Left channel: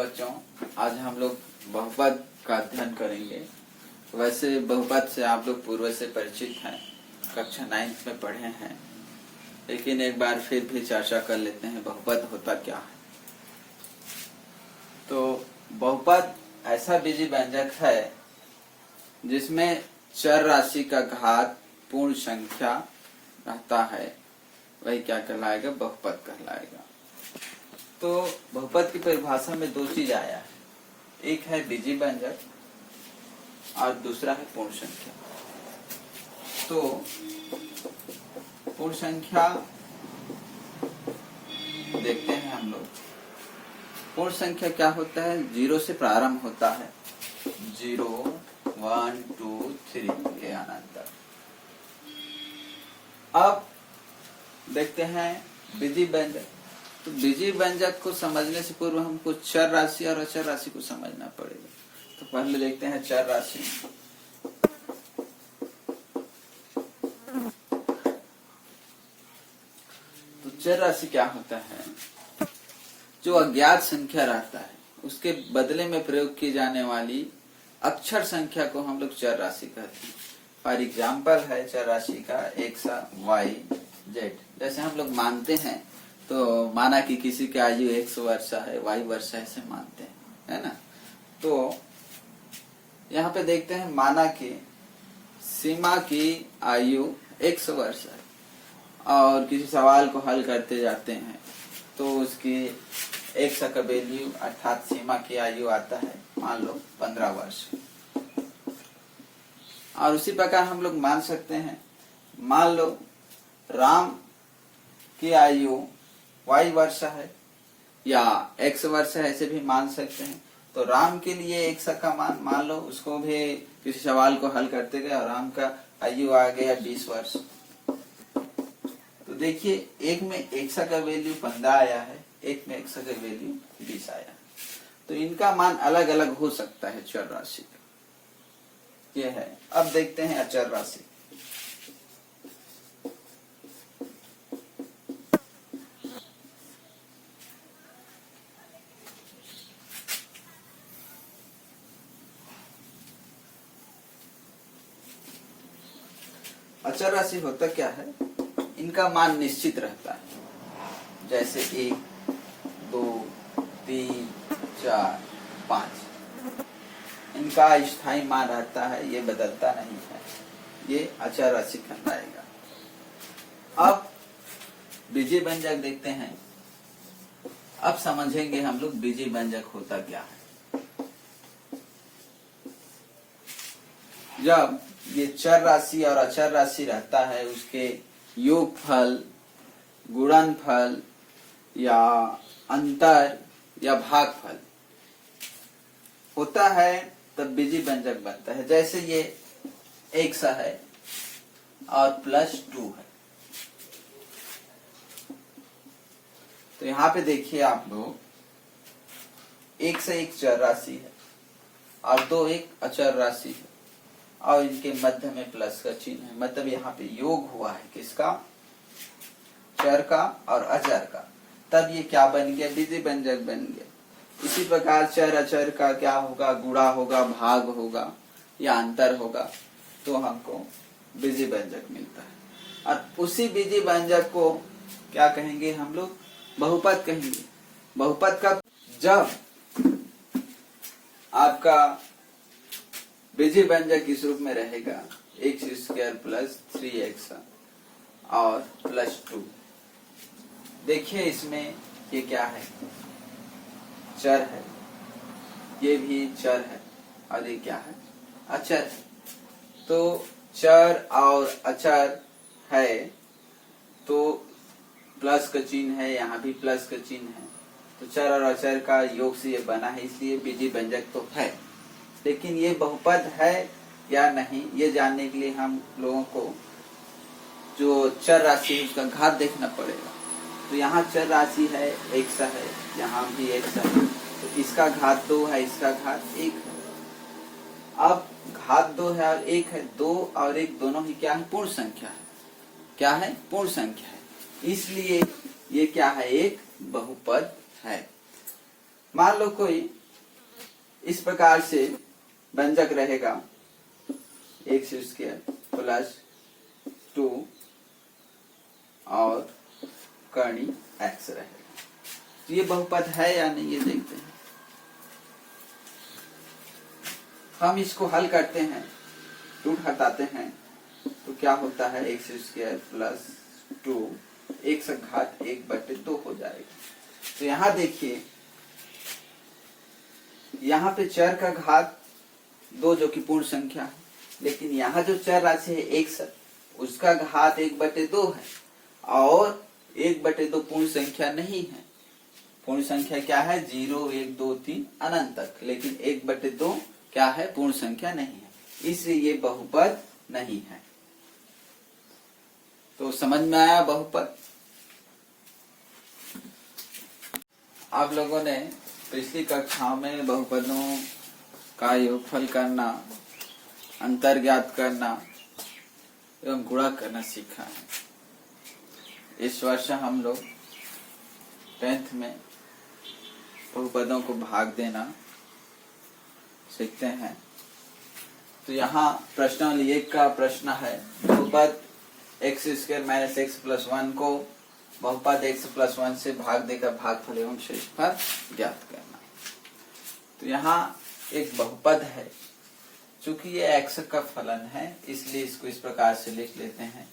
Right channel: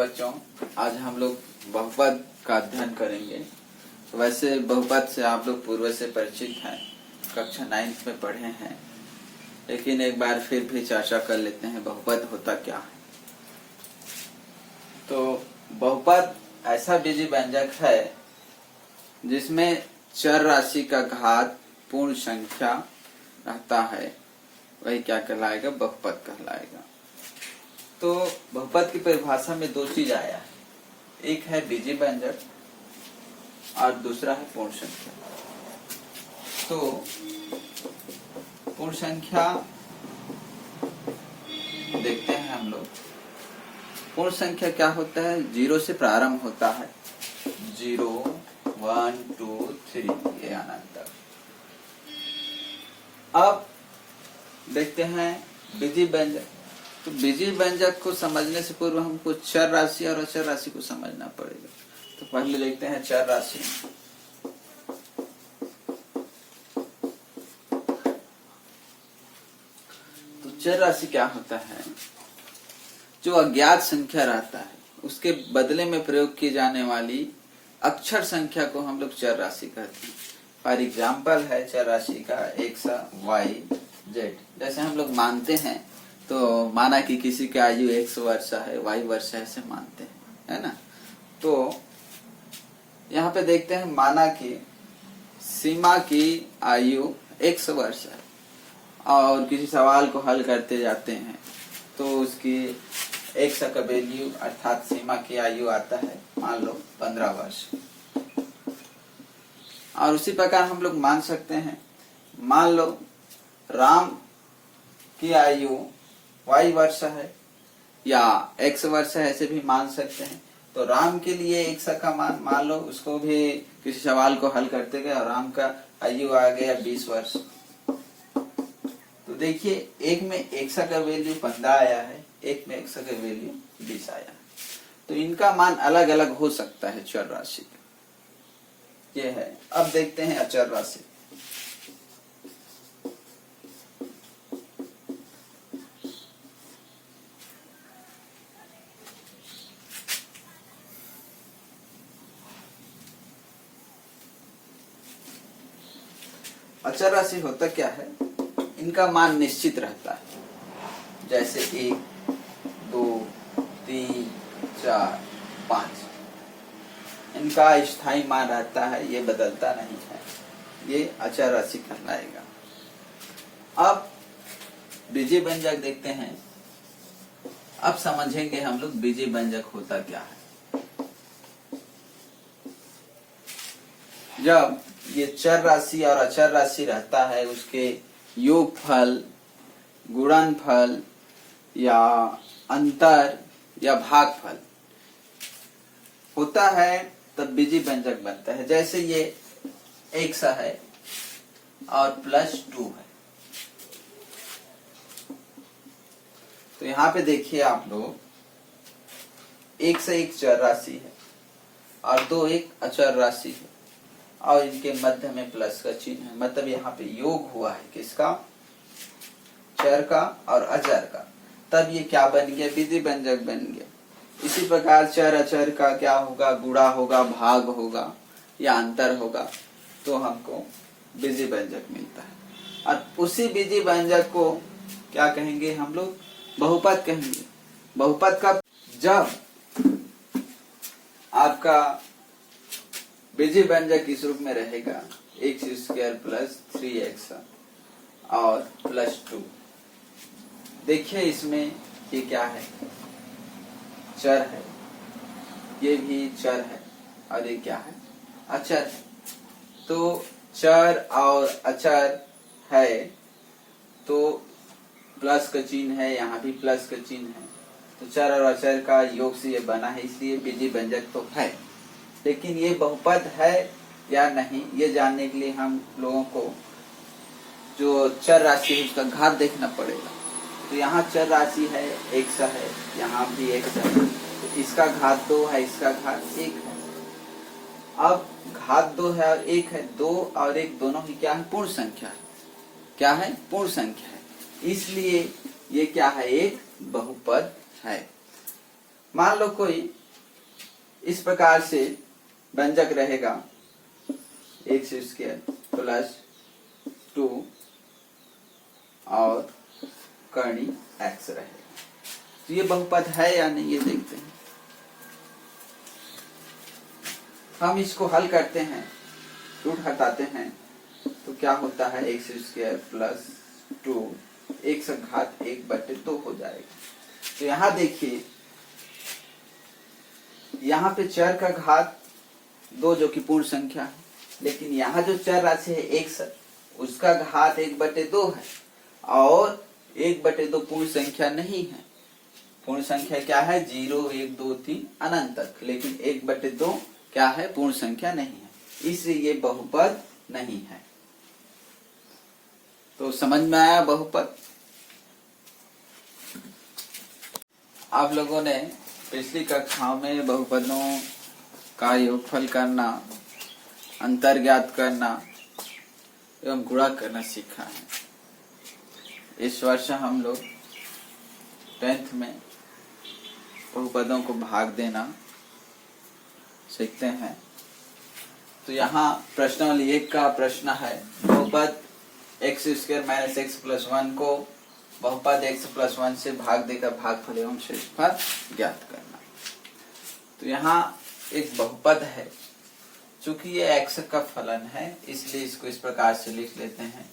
बच्चों, आज हम लोग बहुपद का अध्ययन करेंगे। वैसे बहुपद से आप लोग पूर्व से परिचित हैं, कक्षा 9 में पढ़े हैं, लेकिन एक बार फिर भी चर्चा कर लेते हैं बहुपद होता क्या है। तो बहुपद ऐसा बीजी व्यंजक है जिसमें चर राशि का घात पूर्ण संख्या रहता है, वही क्या कहलाएगा, बहुपद कहलाएगा। तो बहुपद की परिभाषा में दो चीज आया है, एक है बीजी व्यंजक और दूसरा है पूर्ण संख्या। तो पूर्ण संख्या देखते हैं हम लोग। पूर्ण संख्या क्या होता है? 0 से प्रारंभ होता है, 0 1 2 3 ये अनंत तक। अब देखते हैं बीजी व्यंजक। तो बीजी व्यंजक को समझने से पूर्व हमको चर राशि और अचर राशि को समझना पड़ेगा। तो पहले देखते हैं चर राशि। तो चर राशि क्या होता है? जो अज्ञात संख्या रहता है उसके बदले में प्रयोग की जाने वाली अक्षर संख्या को हम लोग चर राशि कहते हैं। फॉर एग्जाम्पल है चर राशि का x y z। जैसे हम लोग मानते हैं, तो माना कि किसी की आयु 100 वर्ष है, y वर्ष है, ऐसे मानते हैं, है ना। तो यहाँ पे देखते हैं, माना कि सीमा की आयु 100 वर्ष है और किसी सवाल को हल करते जाते हैं तो उसकी x का वैल्यू अर्थात सीमा की आयु आता है मान लो 15 वर्ष। और उसी प्रकार हम लोग मान सकते हैं, मान लो राम की आयु y वर्ष है या x वर्ष है, ऐसे भी मान सकते हैं। तो राम के लिए x का मान लो, उसको भी किसी सवाल को हल करते गए और राम का आयु आ गया 20 वर्ष। तो देखिए, एक में x का वैल्यू 15 आया है, एक में x का वैल्यू 20 आया है। तो इनका मान अलग अलग हो सकता है चर राशि का, ये है। अब देखते हैं अचर राशि। अचर राशि होता क्या है? इनका मान निश्चित रहता है, जैसे 1 2 3 4 5। इनका स्थायी मान रहता है, ये बदलता नहीं है, ये अचर राशि कहलाएगा। अब बीजी व्यंजक देखते हैं। अब समझेंगे हम लोग बीजी व्यंजक होता क्या है। जब ये चर राशि और अचर राशि रहता है, उसके योगफल, गुणनफल या अंतर या भागफल होता है, तब बीजी व्यंजक बनता है। जैसे ये x है और +2 है। तो यहाँ पे देखिए आप लोग, 1 से 1 चर राशि है और 2 एक अचर राशि है और इनके मध्य में प्लस का चिन्ह है, मतलब यहाँ पे योग हुआ है किसका? चर का और अचर का। तब ये क्या बन गया? बीजी व्यंजक बन गया। इसी प्रकार चर अचर का क्या होगा? गुणा होगा, भाग होगा या अंतर होगा, तो हमको बीजी व्यंजक मिलता है। और उसी बीजी व्यंजक को क्या कहेंगे हम लोग? बहुपद कहेंगे। बहुपद का जब आपका बीजी व्यंजक इस रूप में रहेगा, x² + 3x और +2। देखिए इसमें ये क्या है? चर है, ये भी चर है और ये क्या है? अचर है। तो चर और अचर है तो प्लस का चिन्ह है, यहाँ भी प्लस का चिन्ह है। तो चर और अचर का योग से ये बना है, इसलिए बीजी व्यंजक तो है। लेकिन ये बहुपद है या नहीं, ये जानने के लिए हम लोगों को जो चर राशि है उसका घात देखना पड़ेगा। तो यहाँ चर राशि है, x है, यहाँ भी x है, तो इसका घात 2 है, इसका घात 1 है। अब घात 2 है और 1 है, 2 और 1 दोनों ही क्या है? पूर्ण संख्या है। क्या है? पूर्ण संख्या है, इसलिए ये क्या है? एक बहुपद है। मान लो कोई इस प्रकार से व्यंजक रहेगा एक्स स्क्वायर प्लस 2 और कर्णी एक्स रहेगा। तो ये बहुपद है या नहीं, ये देखते हैं। हम इसको हल करते हैं, रूट हटाते हैं, तो क्या होता है एक्स स्क्वायर प्लस 2 एक्स घात 1/2 हो जाएगा। तो यहाँ देखिए, यहाँ पे चर का घात 2 जो कि पूर्ण संख्या है, लेकिन यहाँ जो चर राशि है एक्स, उसका घात 1/2 है और 1/2 पूर्ण संख्या नहीं है। पूर्ण संख्या क्या है? 0, 1, 2, 3 अनंत तक, लेकिन 1/2 क्या है? पूर्ण संख्या नहीं है, इसलिए ये बहुपद नहीं है। तो समझ में आया बहुपद? आप लोगों ने पिछली कक्षाओं में बहुपदों का योगफल करना, अंतर ज्ञात करना एवं गुणा करना सीखा है। इस वर्ष हम लोग 10th में बहुपदों को भाग देना सीखते हैं। तो यहाँ प्रश्नावली 1 का प्रश्न है, बहुपद x square minus x plus 1 को बहुपद x प्लस 1 से भाग देकर भागफल एवं शेषफल ज्ञात करना। तो यहाँ एक बहुपद है, चूंकि ये x का फलन है इसलिए इसको इस प्रकार से लिख लेते हैं।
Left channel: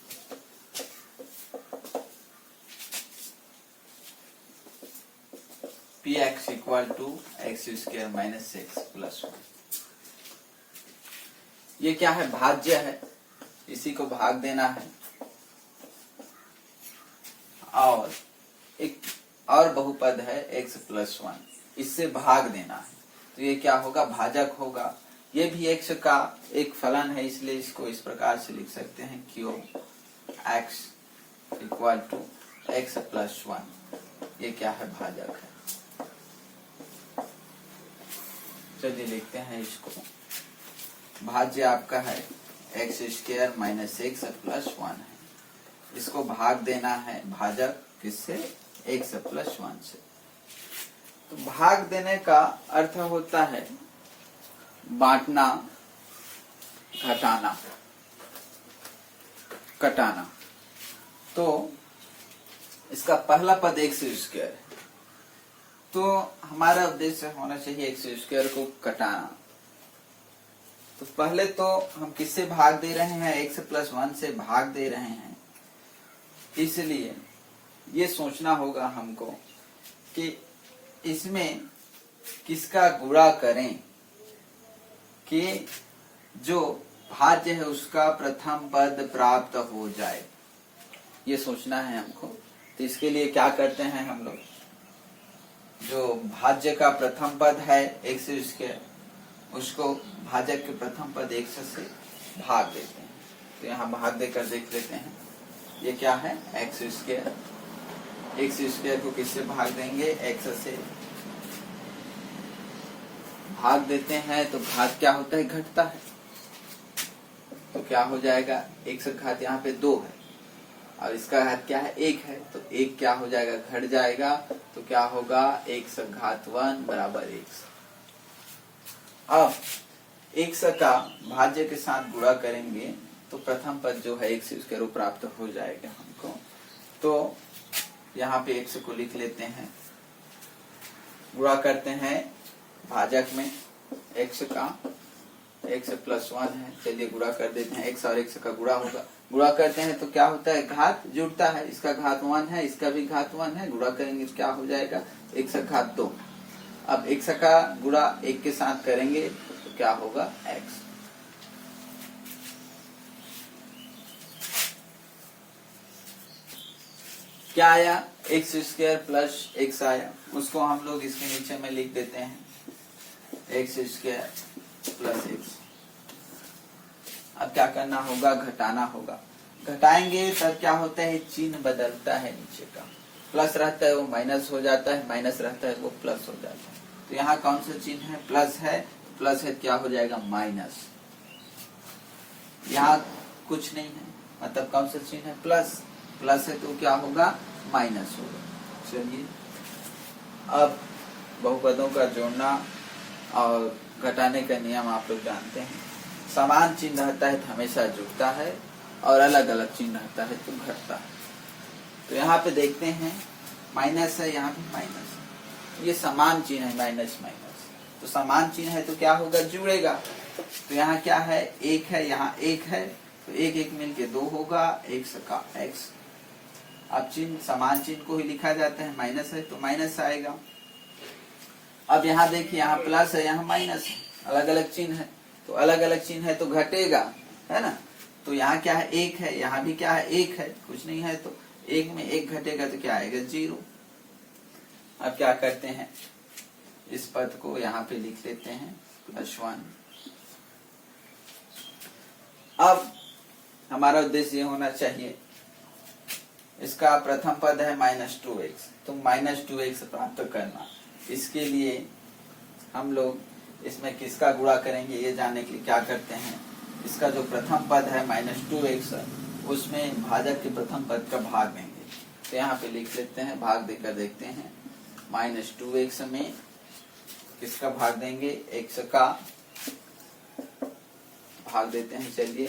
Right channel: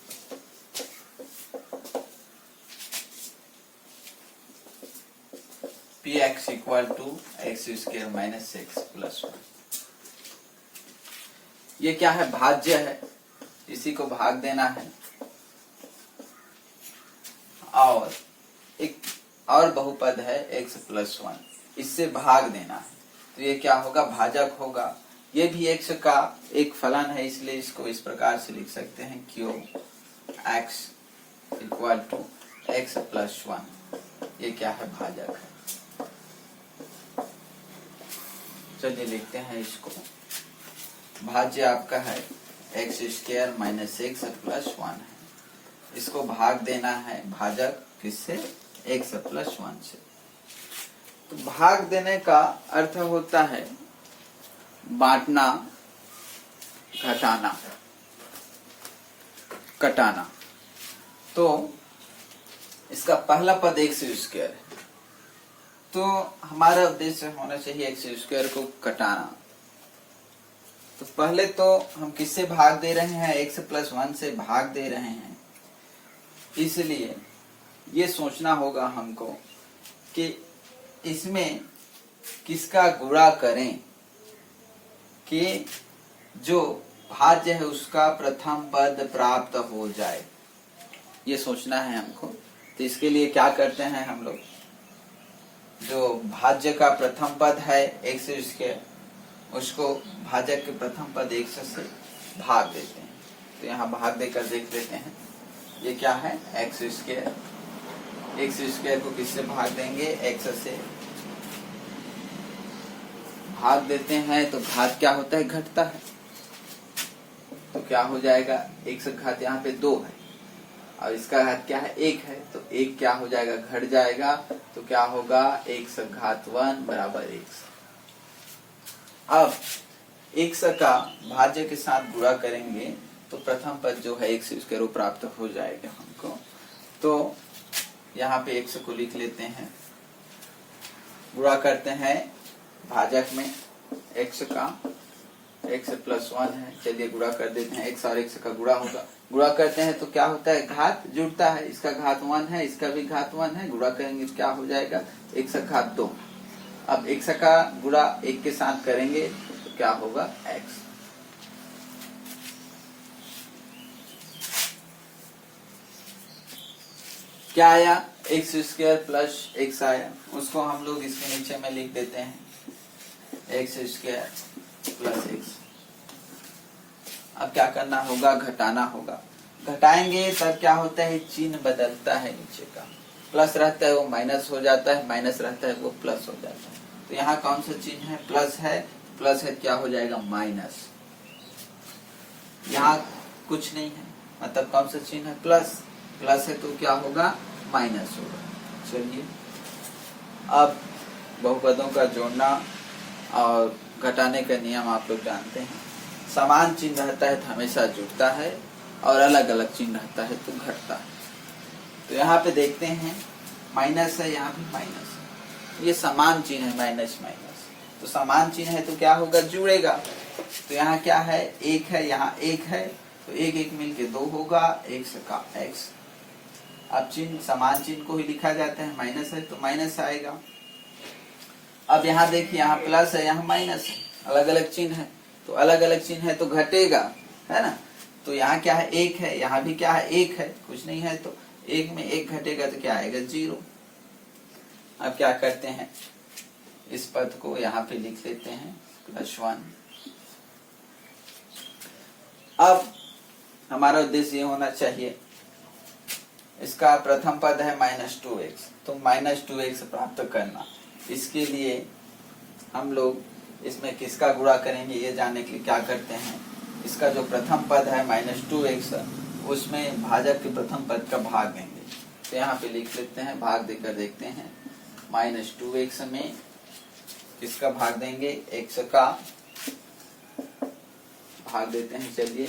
px equal to x square minus x plus 1। ये क्या है? भाज्य है, इसी को भाग देना है। और एक और बहुपद है x प्लस 1, इससे भाग देना है। तो ये क्या होगा? भाजक होगा। ये भी x का एक फलन है, इसलिए इसको इस प्रकार से लिख सकते हैं cube x equal to x plus 1। ये क्या है? भाजक है। चलिए लिखते हैं इसको। भाज्य आपका है x square minus x plus 1 है, इसको भाग देना है भाजक किससे? एक्स प्लस 1 से। तो भाग देने का अर्थ होता है बांटना, घटाना, कटाना। तो इसका पहला पद एक्स स्क्वायर है, तो हमारा उद्देश्य होना चाहिए एक्स स्क्वायर को कटाना। तो पहले तो हम किससे भाग दे रहे हैं? एक्स प्लस 1 से भाग दे रहे हैं, इसलिए ये सोचना होगा हमको कि इसमें किसका गुणा करें कि जो भाज्य है उसका प्रथम पद प्राप्त हो जाए, ये सोचना है हमको। तो इसके लिए क्या करते हैं हम लोग? जो भाज्य का प्रथम पद है एक्स स्क्वायर, उसको भाजक के प्रथम पद एक्स से भाग देते हैं। तो यहाँ भाग देकर देख लेते हैं, ये क्या है? X square. एक्स स्क्वायर को किससे भाग देंगे? एक्स से भाग देते हैं, तो घात क्या होता है? घटता है। तो क्या हो जाएगा? एक्स घात यहाँ पे 2 है और इसका घात क्या है? 1 है, तो 1 क्या हो जाएगा? घट जाएगा। तो क्या होगा? एक्स घात 1 बराबर एक्स। अब एक्स का भाज्य के साथ गुणा करेंगे तो प्रथम पद जो है एक्स स्क्वायर वो प्राप्त हो जाएगा हमको। तो यहाँ पे एक्स को लिख लेते हैं, गुणा करते हैं भाजक में एक्स का, एक्स प्लस 1 है, चलिए गुणा कर देते हैं। एक्स और एक्स का गुणा होगा, गुणा करते हैं तो क्या होता है? घात जुड़ता है, इसका घात 1 है, इसका भी घात 1 है, गुणा करेंगे तो क्या हो जाएगा? एक्स घात 2। अब एक्स का गुणा 1 के साथ करेंगे तो क्या होगा? एक्स। क्या आया? एक्स स्क्वायर प्लस एक्स आया, उसको हम लोग इसके नीचे में लिख देते हैं एक्स स्क्वायर प्लस एक्स। अब क्या करना होगा? घटाना होगा। घटाएंगे तब क्या होता है? चिन्ह बदलता है, नीचे का प्लस रहता है वो माइनस हो जाता है, माइनस रहता है वो प्लस हो जाता है। तो यहाँ कौन सा चिन्ह है? प्लस है, प्लस है क्या हो जाएगा? माइनस। यहाँ कुछ नहीं है, मतलब कौन सा चिन्ह है? प्लस। प्लस है तो क्या होगा? माइनस होगा। चलिए अब बहुपदों का जोड़ना और घटाने का नियम आप लोग जानते हैं। समान चिन्ह रहता है तो हमेशा जुड़ता है और अलग अलग चिन्ह रहता है तो घटता है। तो यहाँ पे देखते हैं माइनस है, यहाँ पे माइनस है, ये समान चिन्ह है माइनस माइनस, तो समान चिन्ह है तो क्या होगा, जुड़ेगा। तो यहाँ क्या है, एक है, यहाँ एक है, तो एक एक मिलके 2 होगा, x का x। अब चिन्ह समान चिन्ह को ही लिखा जाता है, माइनस है तो माइनस आएगा। अब यहाँ देखिए, यहाँ प्लस है, यहाँ माइनस है, अलग अलग चिन्ह है, तो अलग अलग चिन्ह है तो घटेगा, है ना। तो यहाँ क्या है, एक है, यहाँ भी क्या है, एक है, कुछ नहीं है, तो एक में एक घटेगा तो क्या आएगा, 0। अब क्या करते हैं, इस पद को यहाँ पे लिख लेते हैं +1। अब हमारा उद्देश्य ये होना चाहिए, इसका प्रथम पद है -2x, तो -2x प्राप्त करना। इसके लिए हम लोग इसमें किसका गुणा करेंगे ये जानने के लिए क्या करते हैं, इसका जो प्रथम पद है -2x, उसमें भाजक के प्रथम पद का भाग देंगे। तो यहाँ पे लिख लेते हैं, भाग देकर देखते हैं। -2x में किसका भाग देंगे, x का भाग देते हैं। चलिए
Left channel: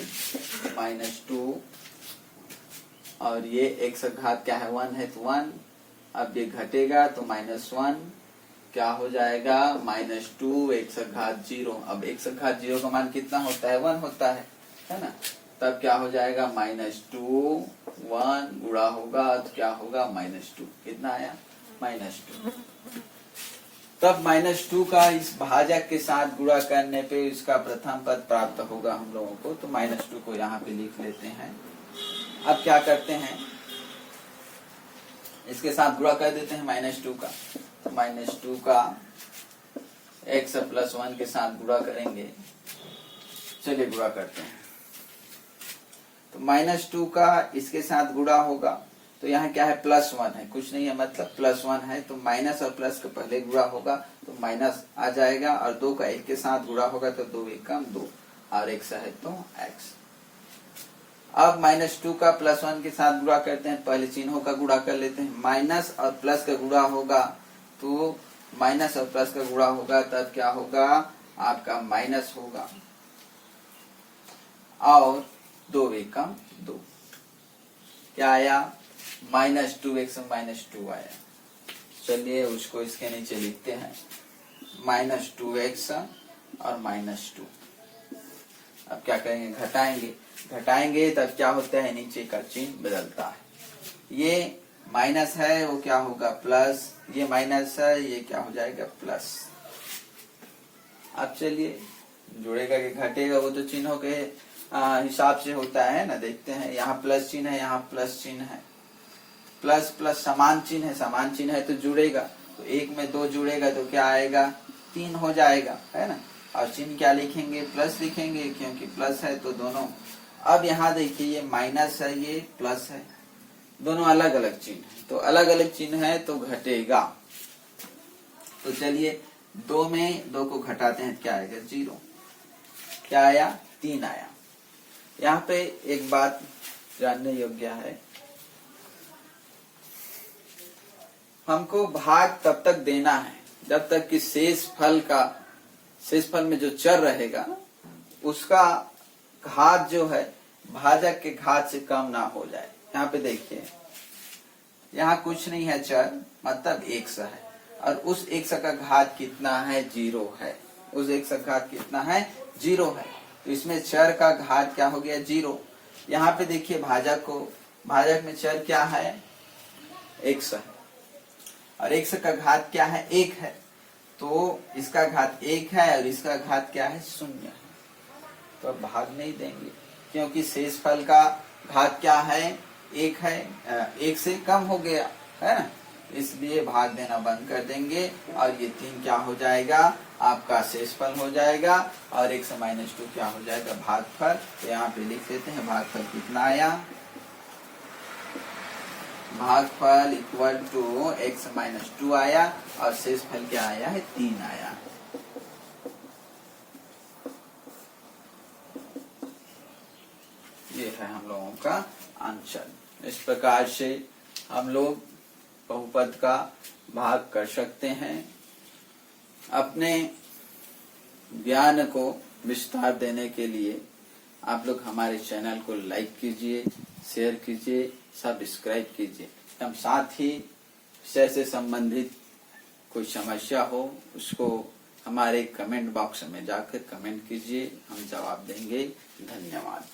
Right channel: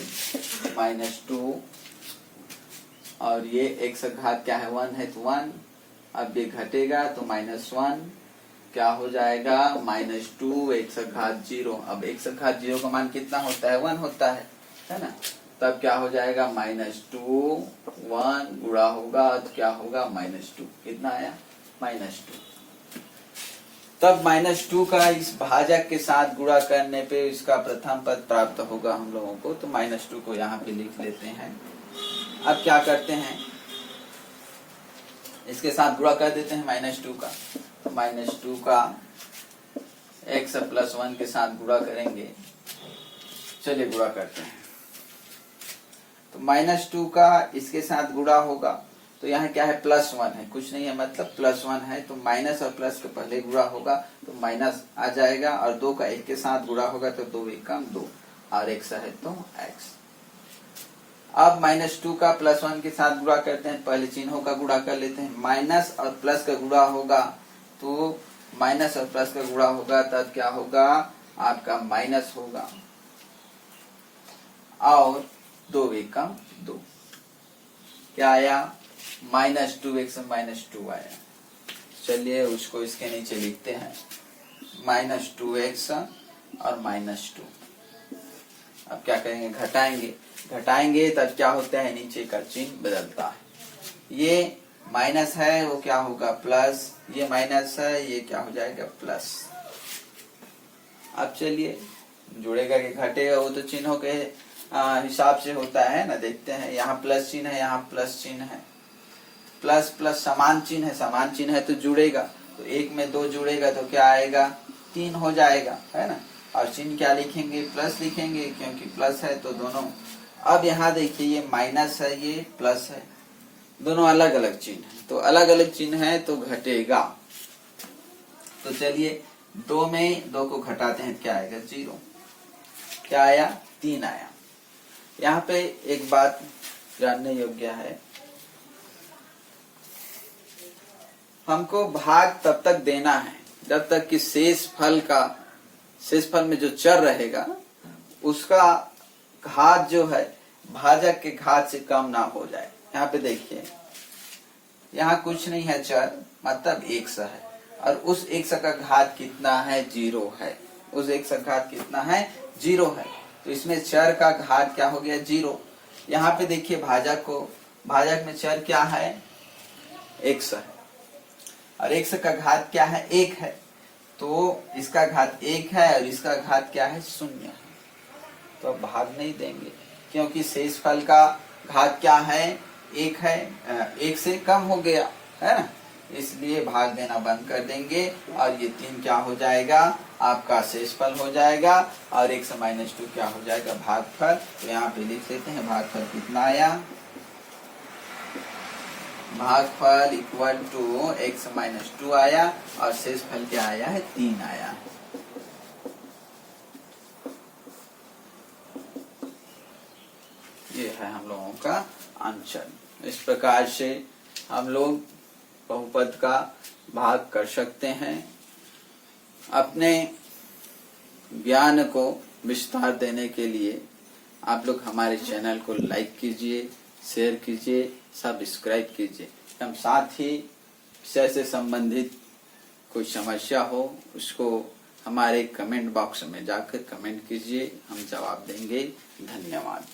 -2 और ये x घात क्या है, 1 है तो 1। अब ये घटेगा तो -1 क्या हो जाएगा, -2 x घात 0। अब x घात 0 का मान कितना होता है, 1 होता है ना। तब क्या हो जाएगा, -2 1 गुणा होगा तो क्या होगा, -2। कितना आया, -2। तब -2 का इस भाजक के साथ गुणा करने पे इसका प्रथम पद प्राप्त होगा हम लोगों को। तो -2 को यहाँ पे लिख लेते हैं। अब क्या करते हैं, इसके साथ गुणा कर देते हैं -2 का। तो -2 का x + 1 के साथ गुणा करेंगे। चलिए गुणा करते हैं। तो -2 का इसके साथ गुणा होगा, तो यहाँ क्या है, +1 है, कुछ नहीं है, मतलब +1 है, तो माइनस और प्लस के पहले गुणा होगा तो माइनस आ जाएगा, और 2 का 1 के साथ गुणा होगा तो 2 × 2 और x है तो x। अब -2 का +1 के साथ गुणा करते हैं, पहले चिन्हों का गुणा कर लेते हैं। माइनस और प्लस का गुणा होगा तो माइनस और प्लस का गुणा होगा, तब क्या होगा, आपका माइनस होगा, और 2 × 2 क्या आया, -2x -2 आया। चलिए उसको इसके नीचे लिखते हैं, -2x और -2। अब क्या करेंगे, घटाएंगे तब क्या होता है, नीचे का चिन्ह बदलता है। ये माइनस है वो क्या होगा, प्लस, ये माइनस है ये क्या हो जाएगा, प्लस। अब चलिए जुड़ेगा कि घटेगा, वो तो चिन्हों के हिसाब से होता है ना। देखते हैं, यहाँ प्लस चिन्ह है, यहाँ प्लस चिन्ह है, प्लस प्लस समान चिन्ह है, समान चिन्ह है तो जुड़ेगा, तो 1 में 2 जुड़ेगा तो क्या आएगा, 3 हो जाएगा, है ना। और चिन्ह क्या लिखेंगे, प्लस लिखेंगे, क्योंकि प्लस है तो दोनों। अब यहाँ देखिए, ये माइनस है ये प्लस है, दोनों अलग अलग चिन्ह है, तो अलग अलग चिन्ह है तो घटेगा। तो चलिए 2 में 2 को घटाते हैं, क्या आएगा, 0। क्या आया, 3 आया। यहाँ पे एक बात जानने योग्य है, हमको भाग तब तक देना है जब तक कि शेष फल में जो चर रहेगा उसका घात जो है भाजक के घात से कम ना हो जाए। यहाँ पे देखिए, यहाँ कुछ नहीं है चर, मतलब x है, और उस x का घात कितना है, 0 है। उस x का घात कितना है, 0 है, तो इसमें चर का घात क्या हो गया, 0। यहाँ पे देखिए भाजक में चर क्या है, x है, और x का घात क्या है, 1 है, तो इसका घात 1 है और इसका घात क्या है, 0 है। तो अब भाग नहीं देंगे, क्योंकि शेष फल का घात क्या है, 1 है, 1 से कम हो गया, है ना, इसलिए भाग देना बंद कर देंगे, और ये 3 क्या हो जाएगा, आपका शेष फल हो जाएगा, और 1 से -2 क्या हो जाएगा, भागफल। तो यहाँ पे लिख देते हैं, भागफल कितना आया, भागफल इक्वल टू x -2 आया, और शेष फल क्या आया है, 3 आया। ये है हम लोगों का आंसर। इस प्रकार से हम लोग बहुपद का भाग कर सकते हैं। अपने ज्ञान को विस्तार देने के लिए आप लोग हमारे चैनल को लाइक कीजिए, शेयर कीजिए, सब्सक्राइब कीजिए। एवं साथ ही विषय से संबंधित कोई समस्या हो उसको हमारे कमेंट बॉक्स में जाकर कमेंट कीजिए, हम जवाब देंगे। धन्यवाद।